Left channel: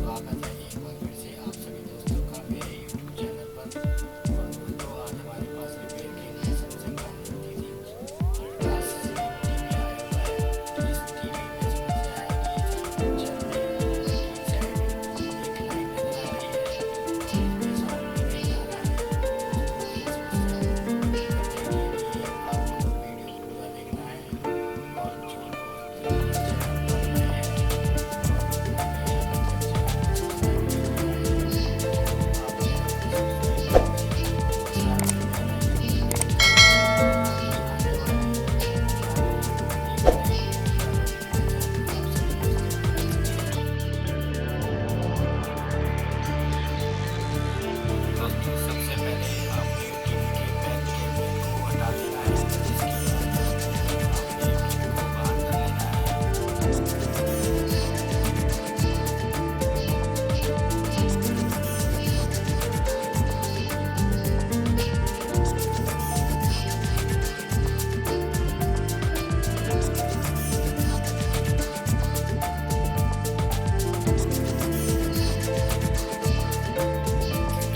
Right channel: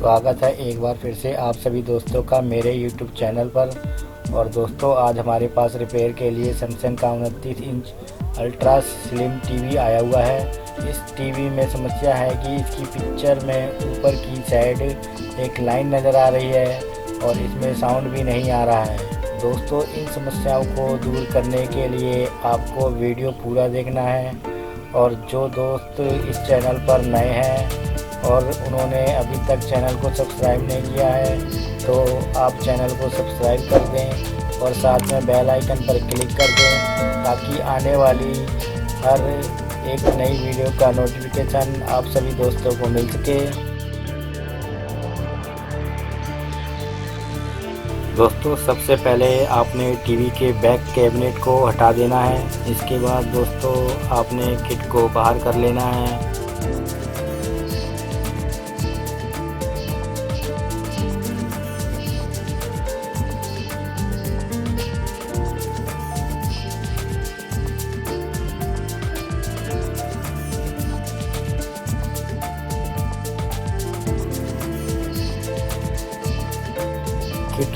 स्वागत है एक बार फिर से आप सभी दोस्तों का मेरे YouTube चैनल पर। और दोस्तों, आज हमारे पास रिपेयर के लिए सैमसंग का 29 इंच अल्ट्रा स्लिम टीवी आया हुआ है। इस टीवी में समस्या है कि इसकी पिक्चर में ऊपर की साइड एक लाइन नज़र आ रही है और इसमें साउंड भी नहीं आ रहा है। दोस्तों, इन समस्याओं को दूर करने के लिए आपको वीडियो पूरा देखना है। और जो दोस्त इस चैनल पर नए हैं और उन्होंने अभी तक चैनल को सब्सक्राइब नहीं किया है तो आप चैनल को सब्सक्राइब कर दें और साथ में बेल आइकन पर क्लिक कर दें ताकि आने वाली हर एक नई वीडियो का नोटिफिकेशन आप सभी दोस्तों को मिल सके। दोस्तों, सबसे पहले आपने टीवी के बैक कैबिनेट को हटा देना है। इसके बाद दोस्तों आपने किट को बाहर कर लेना है।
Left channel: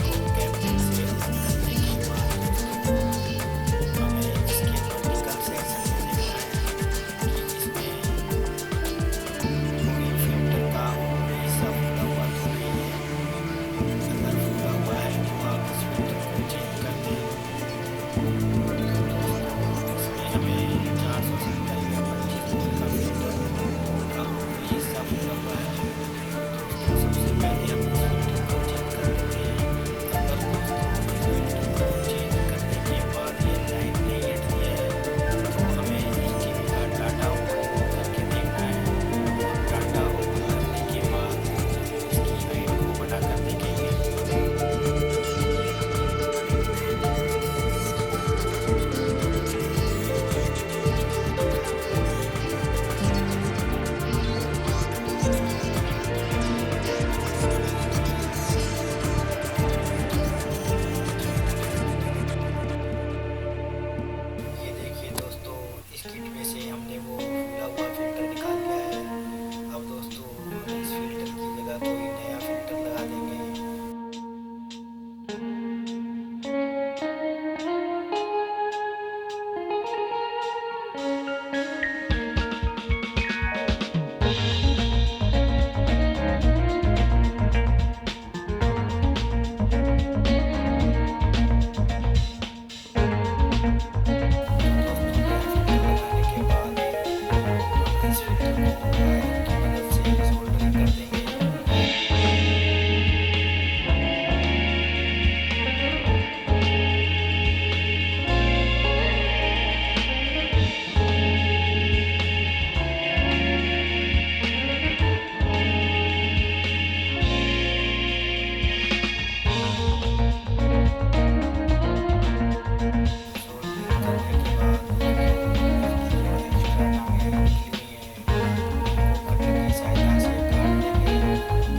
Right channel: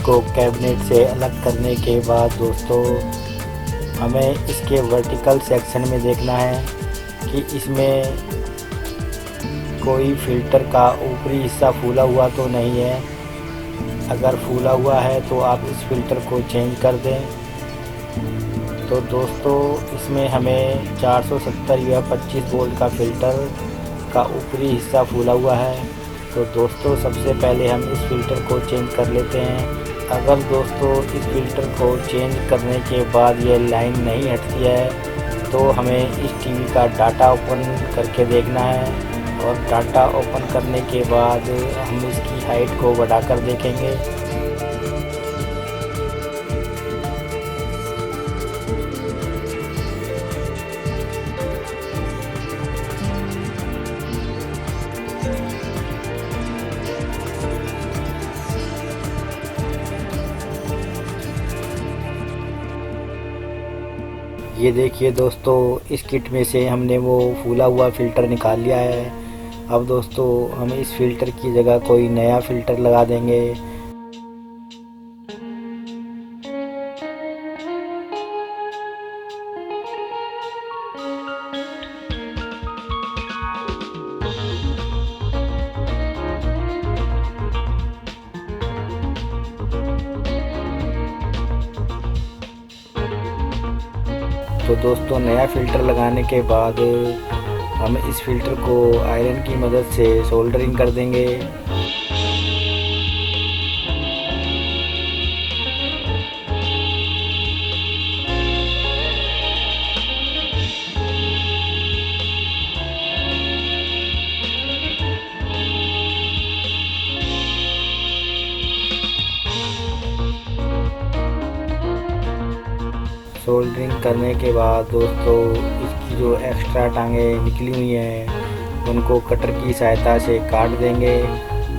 को कैबिनेट से अलग करने के बाद दोस्तों हमें इसके वर्टिकल सेक्शन में देखना है कि इसमें कोई फिल्टर का ऊपरी हिस्सा फूला हुआ तो नहीं है। अगर फूला हुआ है तो आप इस फिल्टर को चेंज कर दें। तो दोस्तों इसमें हमें 470 या 25 वोल्ट का फिल्टर का ऊपरी हिस्सा फूला हुआ है। तो दोस्तों सबसे पहले हम इस फिल्टर को चेंज कर लेते हैं। अगर दोस्तों इस फिल्टर को चेंज करने के बाद ये लाइन नहीं हटती है तो हमें इस टीवी का डाटा ओपन करके देखना है। और डाटा ओपन करने के बाद हम इसकी हाइट को बढ़ाकर देखेंगे। ये देखिए दोस्तों, इस किट में से हमने वो फूला हुआ फ़िल्टर निकाल लिया है। अब दोस्तों हम इस फ़िल्टर की जगह कोई नया फ़िल्टर लगा देंगे। तो दोस्तों नया फ़िल्टर लगाने के बाद हम इस फ़िल्टर को आयरन की मदद से सोल्डरिंग कर देंगे। सोल्डरिंग करने के बाद दोस्तों इसकी जो एक्स्ट्रा टांगें निकली हुई हैं उनको कटर की सहायता से काट देंगे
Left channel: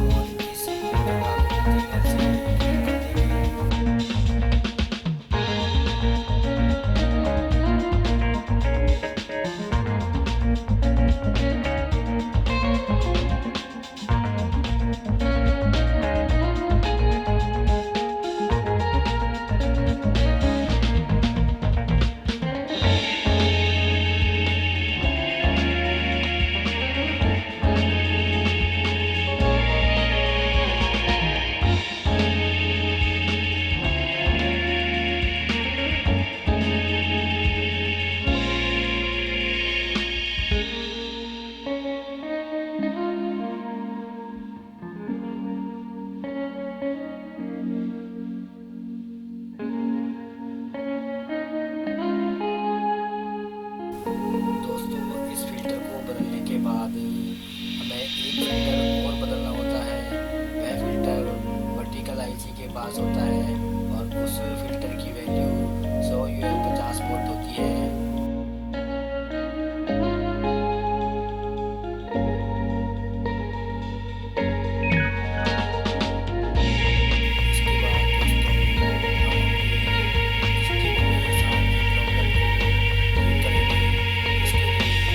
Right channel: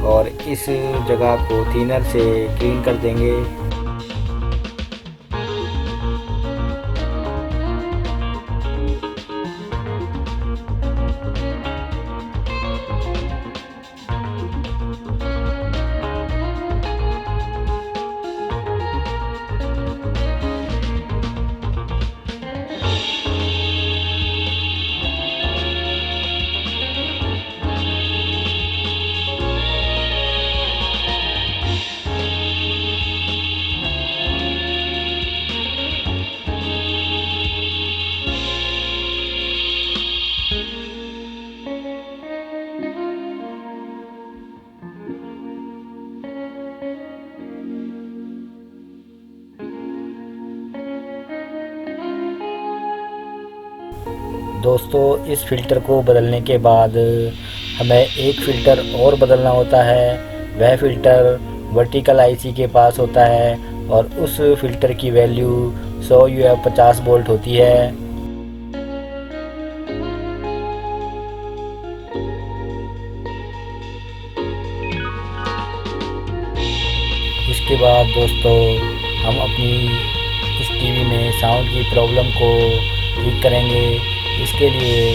और इस जगह को थिनर से क्लीन कर देंगे। दोस्तों इस फ़िल्टर को बदलने के बाद हमें एक फ़िल्टर और बदलना होता है। वह फ़िल्टर वर्टिकल आईसी के पास होता है और उस फ़िल्टर की वैल्यू 100 या 50 वोल्ट होती है। इसके बाद दोस्तों हम अपनी इस टीवी में साउंड की प्रॉब्लम को ठीक करेंगे। इसके लिए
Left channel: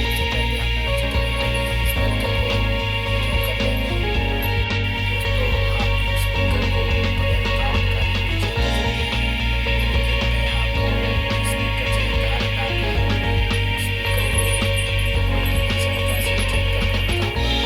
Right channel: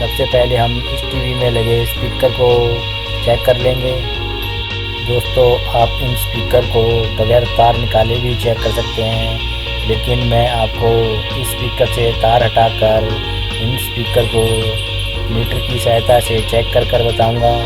सबसे पहले हम इस टीवी में लगे स्पीकर को चेक कर लेंगे। दोस्तों आप इन स्पीकर को बगैर तार निकाले भी चेक कर सकते हैं, लेकिन मैं आपको इस स्पीकर से तार हटाकर इन स्पीकर को मीटर की सहायता से चेक कर बताऊंगा।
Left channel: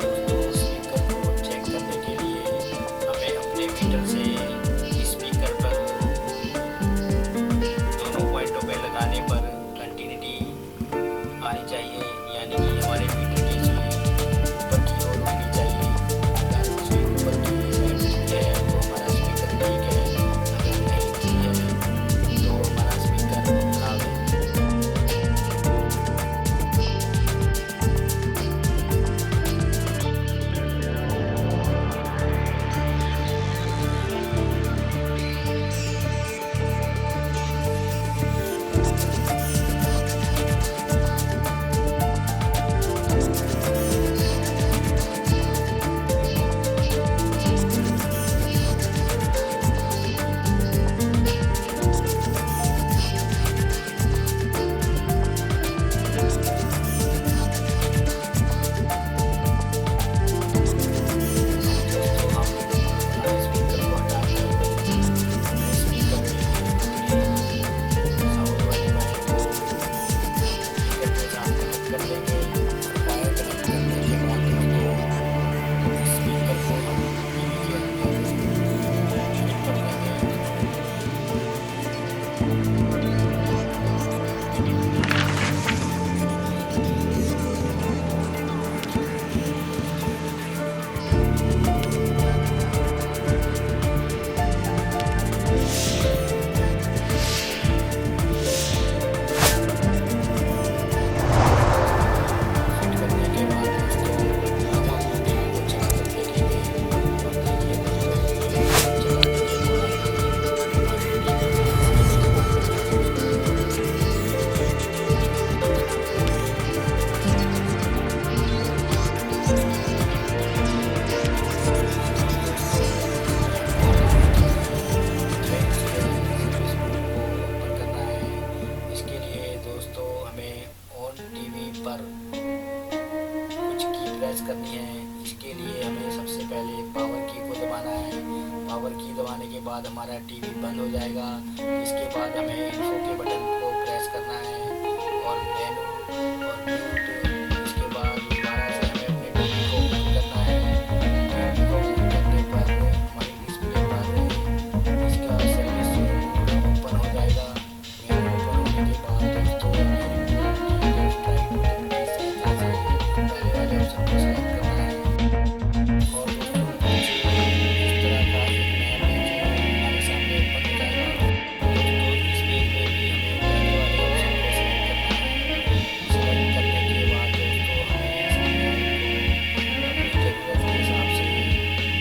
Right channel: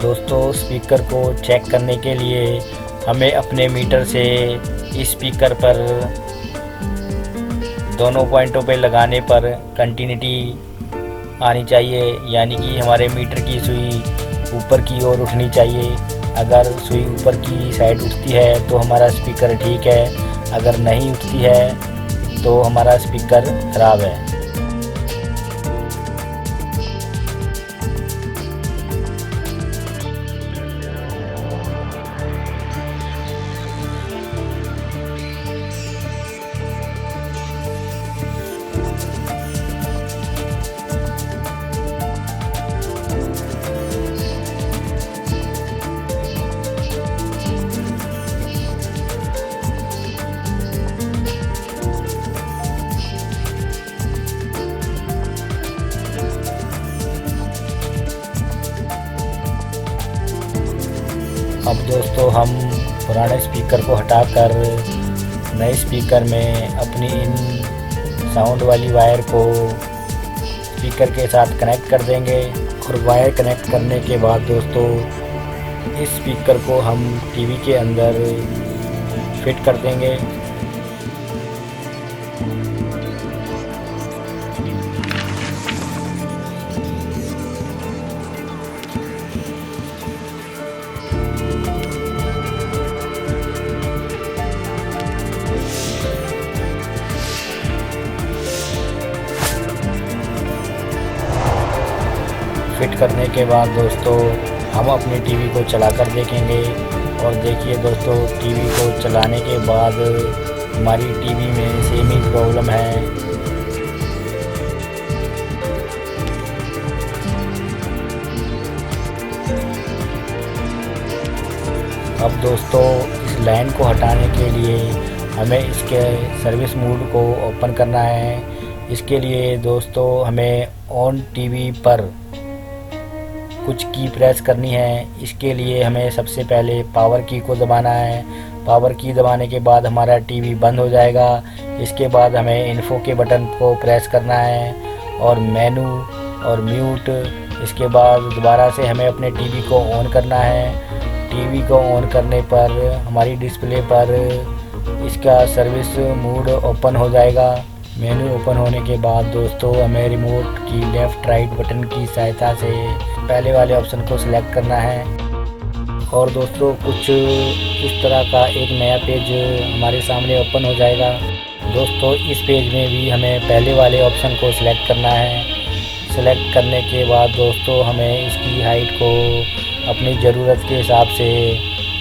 दोस्तों स्पीकर को चेक करने के लिए हमें अपने मीटर से इस स्पीकर पर दोनों पॉइंटों पे लगाने पर कंटिन्यूटी आनी चाहिए, यानी कि हमारे मीटर की सुई ऊपर की ओर उठनी चाहिए। अगर सुई ऊपर की साइड उठती है तो हमारा स्पीकर ठीक है, अगर नहीं उठती है तो हमारा स्पीकर खराब है। अब दोस्तों हम पुराने स्पीकर को हटाकर नए स्पीकर में अपनी साउंड वाली वायर को स्पीकर के साथ कनेक्ट कर देंगे। और वायर कनेक्ट करने के बाद दोस्तों इस स्पीकर को हम टीवी के अंदर फिट कर देंगे। करने के बाद दोस्तों हम अपनी टीवी को चलाकर देखेंगे, और देखिए दोस्तों टीवी को चलाने के बाद हमारी टीवी में सेम ही प्रॉब्लम है। अब दोस्तों लाइन को हटाने के लिए हमें इसके सर्विस मोड को ओपन करना है। इसके लिए दोस्तों हमें ऑन टीवी पर कुछ की प्रेस करनी है। इसके लिए हमें सबसे पहले पावर की को दबाना है। पावर की दबाने के बाद हमारा टीवी बंद हो जाएगा। इसके बाद हमें इन्फो के बटन को प्रेस करना है और मेनू और म्यूट। इसके बाद दोबारा से हमें अपने टीवी को ऑन करना है। टीवी को ऑन करने पर हमारी डिस्प्ले पर इसका सर्विस मोड ओपन हो जाएगा। मेनू ओपन होने के बाद दोस्तों हमें रिमोट की लेफ़्ट राइट बटन की सहायता से पहले वाले ऑप्शन को सिलेक्ट करना है। और दोस्तों कुछ इस तरह का एक नया पेज हमारे सामने ओपन हो जाएगा। दोस्तों इस पेज में भी हमें पहले वाले ऑप्शन को सिलेक्ट करना है। सिलेक्ट करने के बाद दोस्तों हमें इसकी हाइट को अपनी ज़रूरत के हिसाब से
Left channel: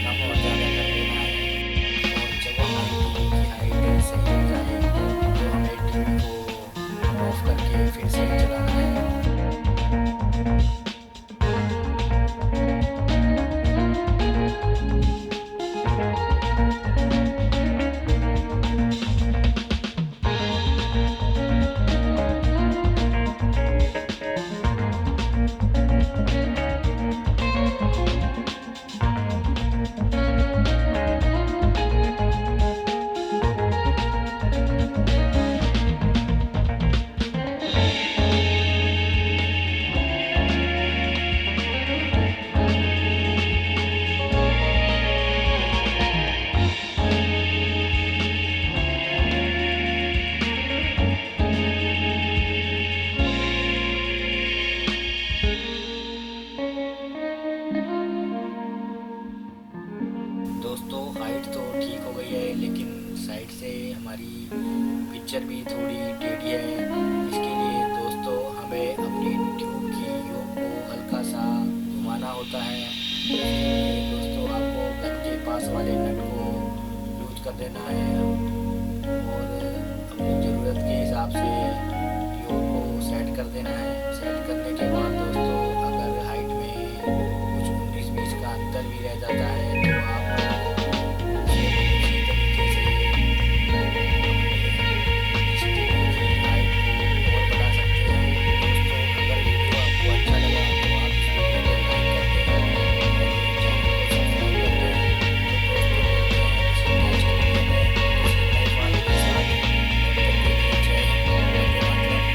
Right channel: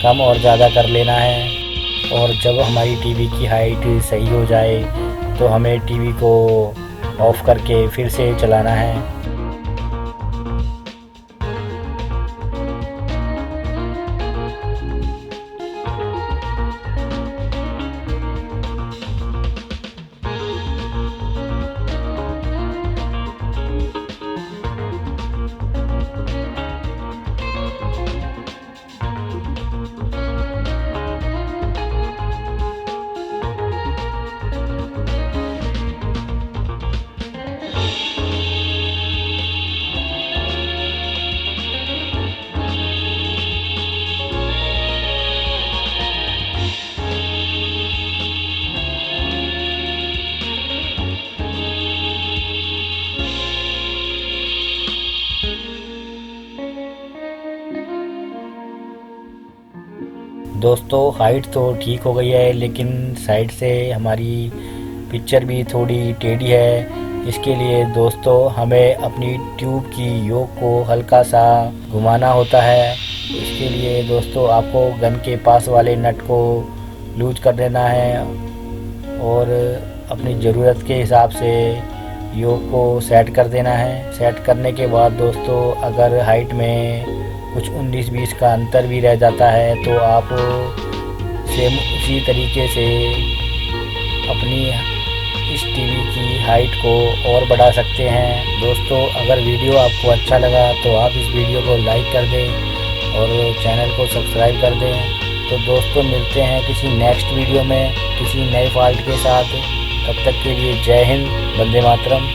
कम और ज़्यादा कर लेना है। और जब हमारी टीवी की हाइट सही हो जाए तो हमें टीवी को ऑफ़ करके फिर से चलाना है। दोस्तों हाइट तो ठीक हो गई है, लेकिन साइड से हमारी पिक्चर भी थोड़ी टेढ़ी है। इसके लिए दोस्तों हमें अपनी ट्यूब की योक को हल्का सा घुमाना होता है। इसके लिए दोस्तों आपको गन के पास वाले नट को लूज कर देना है और अपनी ज़रूरत के हिसाब से योग को सेट कर देना है। सेट करने के बाद दोस्तों अगर हाइट में कुछ 19-20 का अंतर भी रह जाता है तो आप सेम उसी तरीके से अपनी इस टीवी की हाइट को और बढ़ा सकते हैं। दोस्तों अगर वीडियो आपको अच्छा लगा तो आप इस वीडियो को लाइक कर दें और चैनल को सब्सक्राइब कर दें। तो दोस्तों मिलते हैं किसी नेक्स्ट वीडियो में किसी नए फाइल के साथ। तब तक के लिए जय हिंद, वंदे मातरम।